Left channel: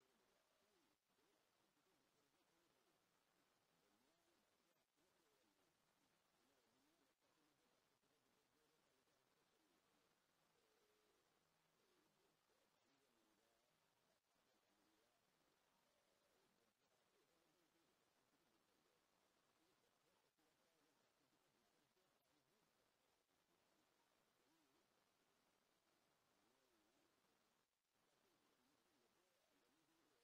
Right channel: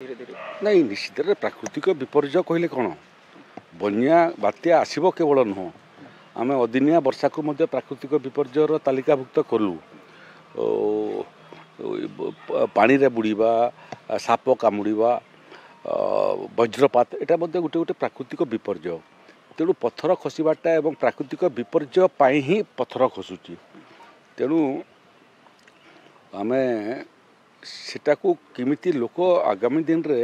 धीरे धीरे नहीं निश्चित प्राकृतिक विपर्य कहले कौन बन्या बात्या आसब केवल नुह आम अदिनिया वर्षा को मध्य प्राकृतिक विपर्यर तालिकाभुक्त कलु पानी रे बुड़ीबा साप कामुड़ा वज्रपात एटा गोटे गोटे प्राकृतिक विपर्य तेणु पत्थर खसवाटा एवं प्राकृतिक विपर्य पाई ही पत्थर खसुची तेणु आमे सेटाकू किमिति लोक आगामी दिन रे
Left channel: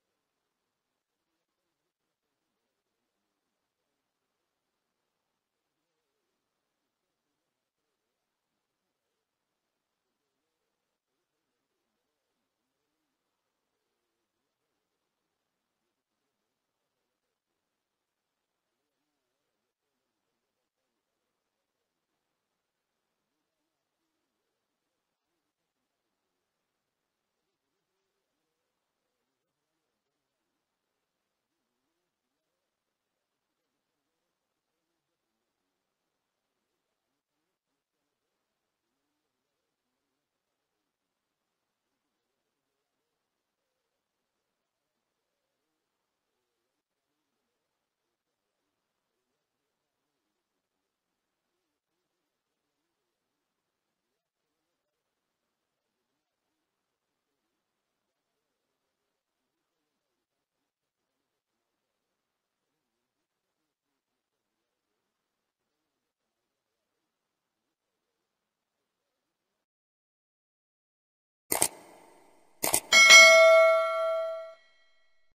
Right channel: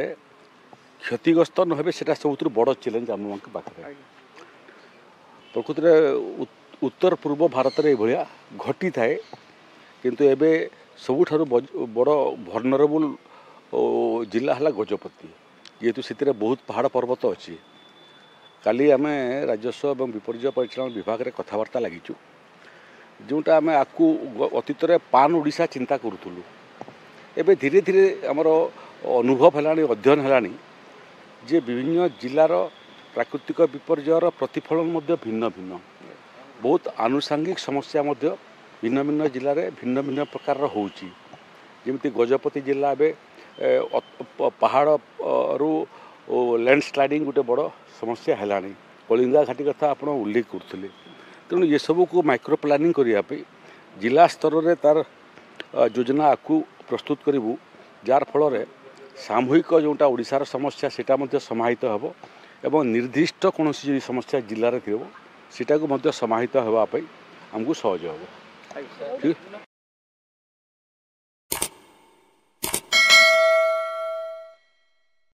क्षतिग्रस्त न हेबे सेटा सबुठ बड़ चैलेंज आम पाखे प्रकृति में उत्तर पूर्व भारत में यह घटी थाए किंतु एबे सबुठारु बड़ भर्नरेबल जिला है गजपति जेहेतु से बहुत पहाड़ पर्वत अच्छी काली आम राजस्व और विपर्य परिचालन विभाग में कथबार्ता लगिचु जोटा आम आपको अतीत पान ओडिशा चिंता करूँ एबे धीरे धीरे आमर अनुभव है अध्ययन है जे विभिन्न जिलार प्राकृतिक विपर्यर प्रतिफलन मध्य भिन्न भिन्न बहुत आनुषांगिक समस्या मध्य भिन्न भिन्न जिले में भिन्न भिन्न प्रकार होउची जेमती गजपति जिला पहाड़ रु लैंडस्लाइडिंग गोटे बड़ समस्या है कलिंगा घाटी कथा आप उल्लेख करते तेणु ये सब को माइक्रो प्लानिंग करने जिला स्तर में तार योजना आपको प्रस्तुत करूँ जार फल सामूहिक जोटा ओडिशार समस्या सेटा मध्य समाहित हेब एवं निर्दिष्ट कौन सी समस्या जिले में थी सेटा को मध्य समाहित होगापी आमको सहज हे ठीक।